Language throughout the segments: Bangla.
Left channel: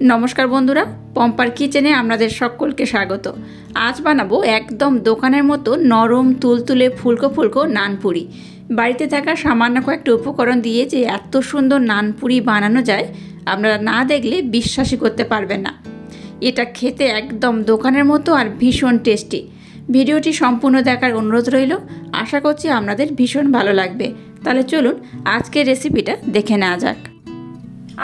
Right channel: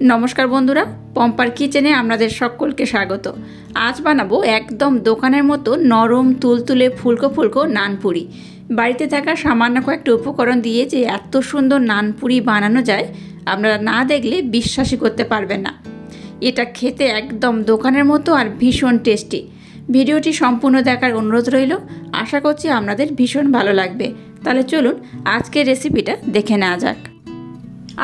নমস্কার বন্ধুরা, পম্পার কিচেনে আপনাদের সকলকে স্বাগত। আজ বানাবো একদম দোকানের মতো নরম তুলতুলে ফুলকো ফুলকো নানপুরি। বাড়িতে থাকা সামান্য কয়েকটা উপকরণ দিয়ে যে এত সুন্দর নানপুরি বানানো যায়, আপনারা না দেখলে বিশ্বাসই করতে পারবেন না। এটা খেতে একদম দোকানের মতো আর ভীষণ টেস্টি। ভিডিওটি সম্পূর্ণ দেখার অনুরোধ রইল। আশা করছি আপনাদের ভীষণ ভালো লাগবে। তাহলে চলুন আজকের রেসিপিটা দেখে নেওয়া যাক।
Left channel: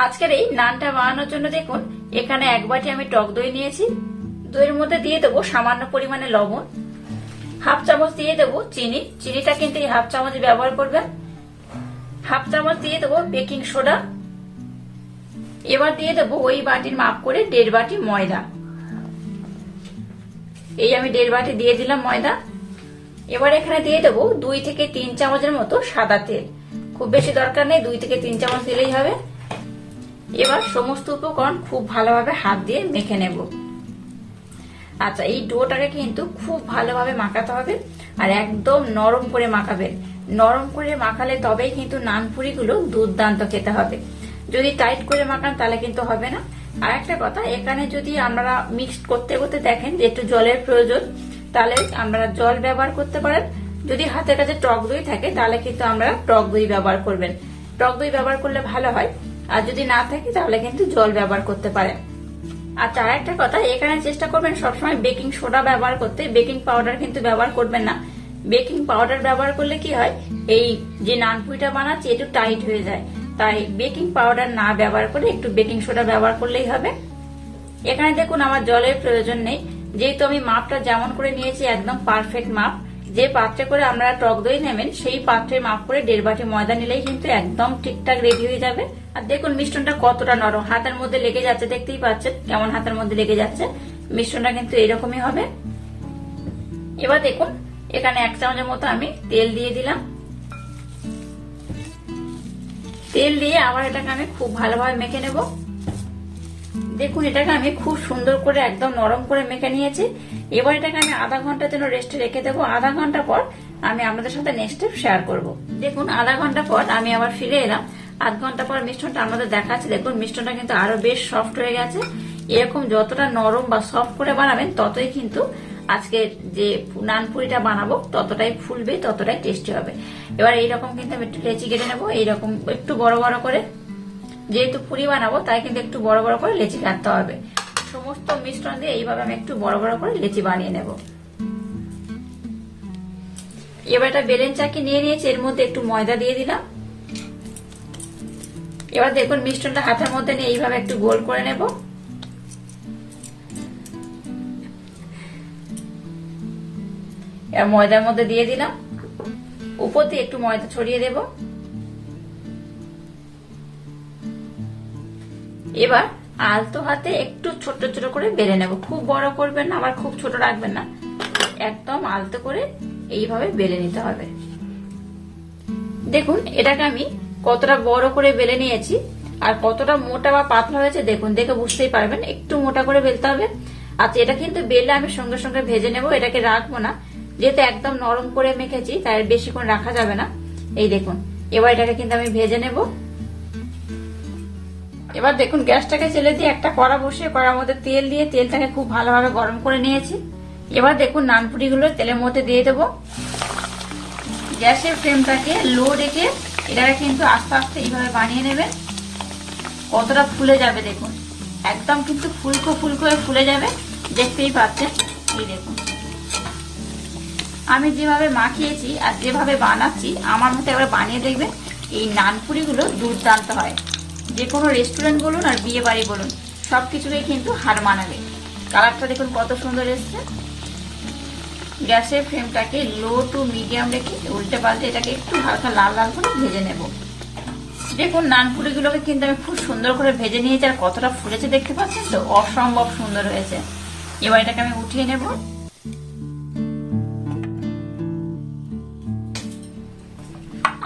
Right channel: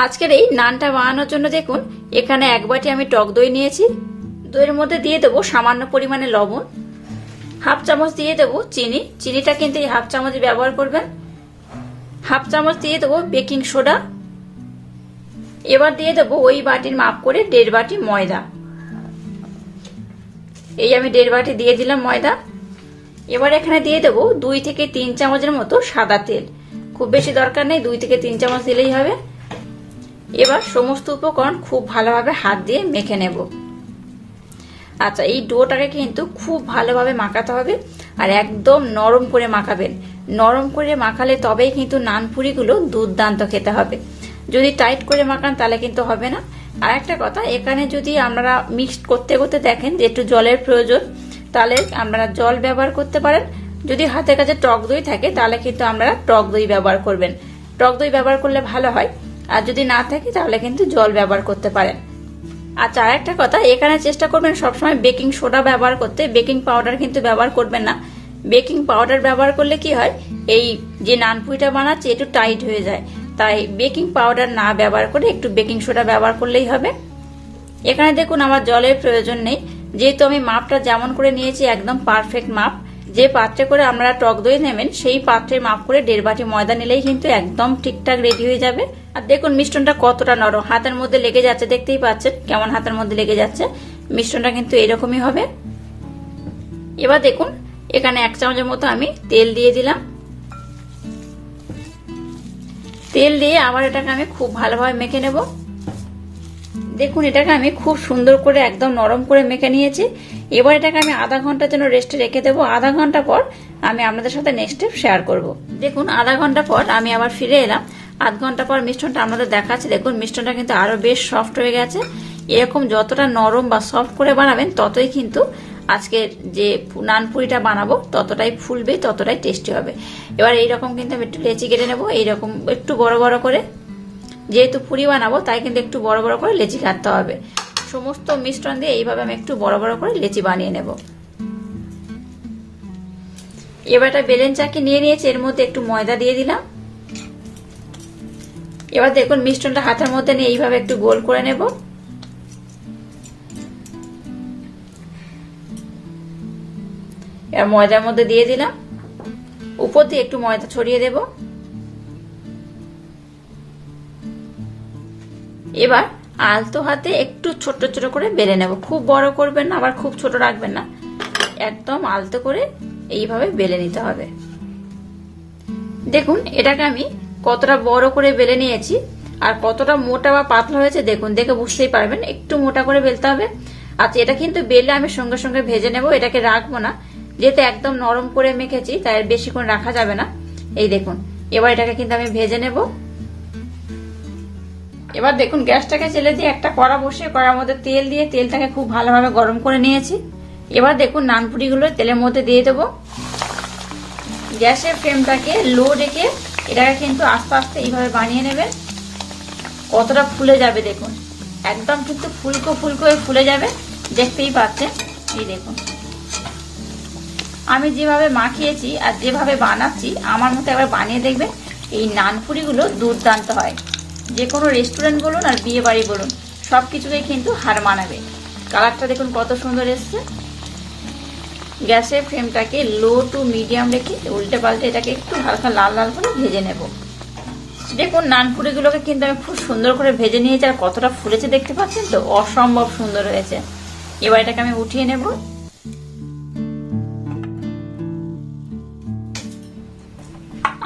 আজকের এই নানটা বানানোর জন্য দেখুন, এখানে এক বাটি আমি টক দই নিয়েছি। দইয়ের মধ্যে দিয়ে দেবো সামান্য পরিমাণে লবণ, হাফ চামচ দিয়ে দেবো চিনি। চিনিটা কিন্তু এই হাফ চামচ ব্যবহার করবেন। হাফ চামচ দিয়ে দেবো বেকিং সোডা। এবার দিয়ে দেবো ওই বাটির মাপ করে 1.5 বাটি ময়দা। এই আমি 1.5 বাটি দিয়ে দিলাম ময়দা। এবার এখানে দিয়ে দেবো 2 থেকে 3 চামচের মতো সাদা তেল। খুব বেশি দরকার নেই, 2 থেকে 3 চামচ দিলেই হবে। এবার সমস্ত উপকরণ খুব ভালোভাবে হাত দিয়ে মেখে নেব। আচ্ছা, এই ডোটাকে কিন্তু খুব ভালোভাবে মাখাতে হবে আর একদম নরম করে মাখাবেন। নরম করে মাখালে তবেই কিন্তু নানপুরিগুলো দুর্দান্ত খেতে হবে। যদি টাইট করে মাখান তাহলে কিন্তু হবে না। আর একটা কথা, এখানে যদি আপনারা মিক্সড করতে করতে দেখেন যে একটু জলের প্রয়োজন, তাহলে আপনারা জল ব্যবহার করতে পারেন। যদি হাতের কাছে টক দই থাকে তাহলে কিন্তু আপনারা টক দই ব্যবহার করবেন। টক দই ব্যবহার করলে ভালো হয়। আর যদি না থাকে তাহলে কিন্তু জল ব্যবহার করতে পারেন। আচ্ছা, আর একটা কথা, এখানে চেষ্টা করবেন সবসময় বেকিং সোডা ব্যবহার করতে। বেকিং পাউডার কিন্তু ব্যবহার করবেন না। বেকিং পাউডার ব্যবহার করলে কি হয়, এই যে নানপুরিটা বানাচ্ছি একটু টাইট হয়ে যায়। তাই বেকিং পাউডার না ব্যবহার করে একটু বেকিং সোডা ব্যবহার করলেই হবে। এখানে দেখুন আমার জলের প্রয়োজন নেই, যেহেতু আমি মাপটা যেমন করে নিয়েছি একদম পারফেক্ট মাপ। যে পাত্রে করে আপনারা টক দই নেবেন সেই পাত্রে মাপ করে 1.5 বাটি ময়দা নিলেই কিন্তু একদম ঠিকঠাক রেডি হয়ে যাবে। আর দেখুন মিশ্রণটা কতটা নরম, হাতের মধ্যে লেগে যাচ্ছে, দেখতেই পাচ্ছেন কেমন হাতের মধ্যে লেগে যাচ্ছে। মিশ্রণটা কিন্তু এরকমই হবে। এবার দেখুন এখানে 1 চামচের মতো আমি তেল দিয়ে দিলাম। তেল দিয়ে আবার এটাকে আমি খুব ভালোভাবে মেখে নেব। দেখুন এটাকে আমি খুব সুন্দর করে একদম নরম করে মেখে নিয়েছি। এবার এটাকে আমি আধা ঘন্টার জন্য রেস্টে রেখে দেবো। আধা ঘন্টা পর আমি আপনাদের সাথে নেক্সট স্টেপ শেয়ার করব। দেখুন আধা ঘন্টা পর আমি আবার ফিরে এলাম। আধ ঘন্টা পর মিশ্রণটা আমাদের দেখাচ্ছে। দেখুন মিশ্রণটা কিন্তু আরো বেশ সফট হয়ে গেছে। এরকম যতটা নরম বা সফট করে বানাবেন ততই কিন্তু আজকে যে নানপুরিটা বানাবো ততটাই ফুলবে, ততটাই টেস্টি হবে। এবার এইরকম কিন্তু আমি একটু লেচি কেটে নেবো, এইরকম একটু বড় বড় করে। যেহেতু পুরি বানাবো তাই কিন্তু একটু বড় বড় করে লেচি কাটতে হবে। সমস্ত মিশ্রণ দিয়ে এইভাবে আমি একটু বড় বড় করে লেচি বানিয়ে নেব। এবার একটা বেলেন চাকি নিয়ে নিয়েছি, এর মধ্যে একটু ময়দা দিয়ে দিলাম। এবার দেখুন মিশ্রণটা হাতের মধ্যে নিয়ে এইভাবে একটু গোল করে নেব। এবার ময়দার মধ্যে দিয়ে দিলাম, উপর দিয়ে একটু ময়দা ছড়িয়ে দেব। এবার আলতো হাতে একটু ছোট ছোট করে বেলে নেব। খুব বড় করবেন না, আবার খুব ছোট রাখবেন না, একদম আলতো করে এইভাবে বেলে নিতে হবে। দেখুন এটাকে আমি কতটা বড় করে বেলে নিয়েছি আর কতটা মোটা বা পাতলা হয়েছে দেখুন, দেখে বুঝতেই পারবেন। একটু মোটা করে বেলতে হবে। আচ্ছা, এটা কিন্তু বেলে আমি সঙ্গে সঙ্গে ভেজে নেব, এটাকে রাখবো না। যেহেতু একদম নরম করে মেখেছি তাই বেশিক্ষণ রাখা যাবে না। এই দেখুন এবার এটাকে কিন্তু আমি ভেজে নেব। এবার দেখুন গ্যাসটাকে ছেড়ে দিয়ে একটা কড়া বসিয়ে কড়ার মধ্যে তেল দিয়ে তেলটাকে খুব ভালোভাবে গরম করে নিয়েছি। এবার দেখুন নানপুরিগুলো তেলের মধ্যে দিয়ে দেব। গ্যাসের ফ্লেমটাকে লো রেখে এটাকে কিন্তু আস্তে আস্তে এইভাবে বানিয়ে নেবেন। কতটা ফুলে যাবে দেখুন, একদম কিন্তু ফুলকো ফুলকো হয়ে ফুলে যাবে, দেখতেই পাচ্ছেন। এই দেখুন আমি যেভাবে মাখিয়েছি আর যেভাবে বানাচ্ছি আমার মতো একবার বানিয়ে দেখবেন। এই নানপুরিগুলো দুর্দান্ত হয়। যে কোনো রেস্টুরেন্ট বলুন আর বিয়ে বাড়ি বলুন, সবকিছুকে কিন্তু হার মানাবে। কালারটা দেখুন কত সুন্দর এসছে। গ্যাসের ফ্লেমটাকে লো টু মিডিয়াম রেখে উল্টে পাল্টে এটাকে একটু হালকা লাল লাল করে ভেজে নেব। দেখুন নানপুরিগুলোকে কিন্তু আমি খুব সুন্দর করে ভেজে নিয়েছি আর কতটা ফুলেছে দেখতে পাচ্ছেন তো, অসম্ভব সুন্দর হয়েছে। এবার এটাকে আমি উঠিয়ে নেব।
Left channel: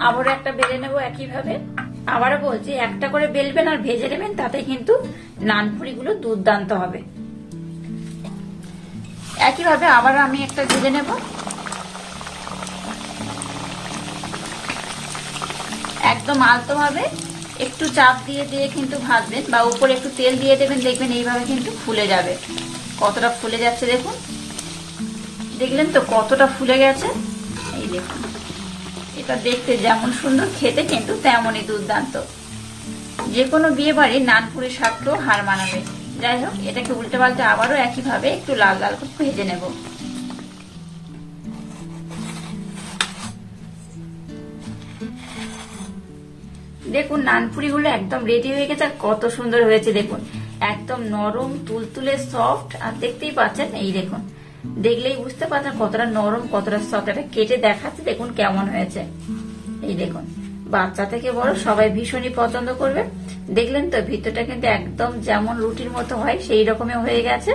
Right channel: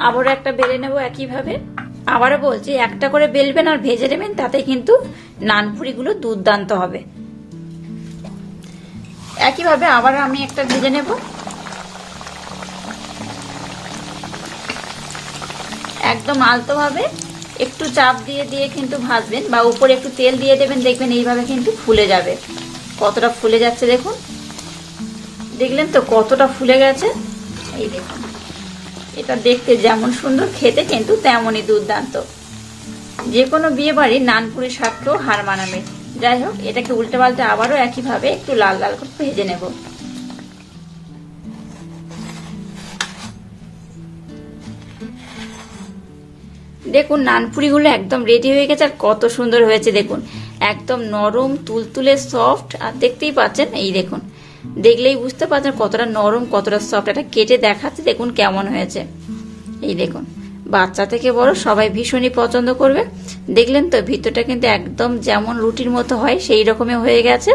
আবার একটা বেলে নেব একইভাবে। আবারও বলছি, একটা করে বেলবেন আর ভেজে নেবেন, তাতে কিন্তু নানপুরিগুলো দুর্দান্ত হবে। একইভাবে আবার আমি একটা ভেজে নেব। একদম আলতো ভাবে একটু চাপ দিয়ে দিয়ে কিন্তু ভাজবেন বা উপরে একটু তেল দিয়ে দেবেন, দেখবেন এইভাবে কিন্তু ফুলে যাবে। কতটা ফুলে যাচ্ছে দেখুন, দেখলেন তো কতটা ফুলে গেছে। এই দেখুন, এটা দেখতে যেমন সুন্দর, খেতে কিন্তু তেমনই দুর্দান্ত। যে কোনো বিয়ে বাড়ির নানপুরি স্বাদকেও হার মানাবে। যাই হোক, এটাকে উল্টে পাল্টে আবারও একইভাবে একটু লাল লাল করে ভেজে নেব। দেখুন নানপুরিগুলো একদম রেডি হয়ে গেছে, আর কত সুন্দর হয়েছে দেখুন, একদম নরম তুলতুলে সফট। আর দেখতেই পাচ্ছেন, এই দেখুন, দেখলেই বুঝতে পারছেন কতটা নরম কতটা সফট। এটা কেটে দেখাচ্ছে দেখুন কেমন হয়েছে। এই দেখুন, বাচ্চা থেকে বড় সবাই ভীষণই পছন্দ করবে। দেখলেন তো ভিতরটা কিন্তু একদম যেমন রুটির মতো হয় সেই রকমই হয়ে গেছে।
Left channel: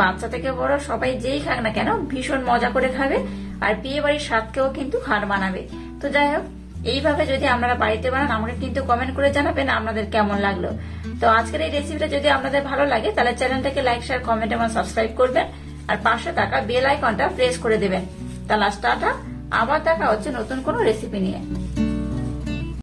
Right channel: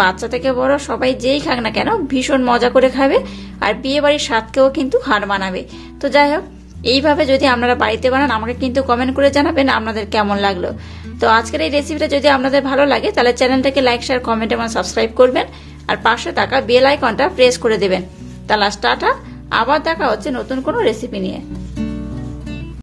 বাচ্চা থেকে বড় সবাই যেই খাক না কেন ভীষণ মজা করে খাবে, আর বিয়ে বাড়ির স্বাদকেও কিন্তু হার মানাবে। তো যাই হোক, এইভাবে যদি আপনারা বাড়িতে বানান আমাকে কিন্তু কমেন্ট করে জানাবেন আপনাদের কেমন লাগলো। তো আজকের এই রেসিপিটা যদি আপনাদের ভালো লাগে তাহলে চ্যানেলটাকে লাইক, শেয়ার, কমেন্ট এবং সাবস্ক্রাইব করবেন, আর পাশে থাকা বেল আইকনটা প্রেস করে দেবেন। তাহলে টাটা, আবার দেখা হচ্ছে নতুন কোনো রেসিপি নিয়ে।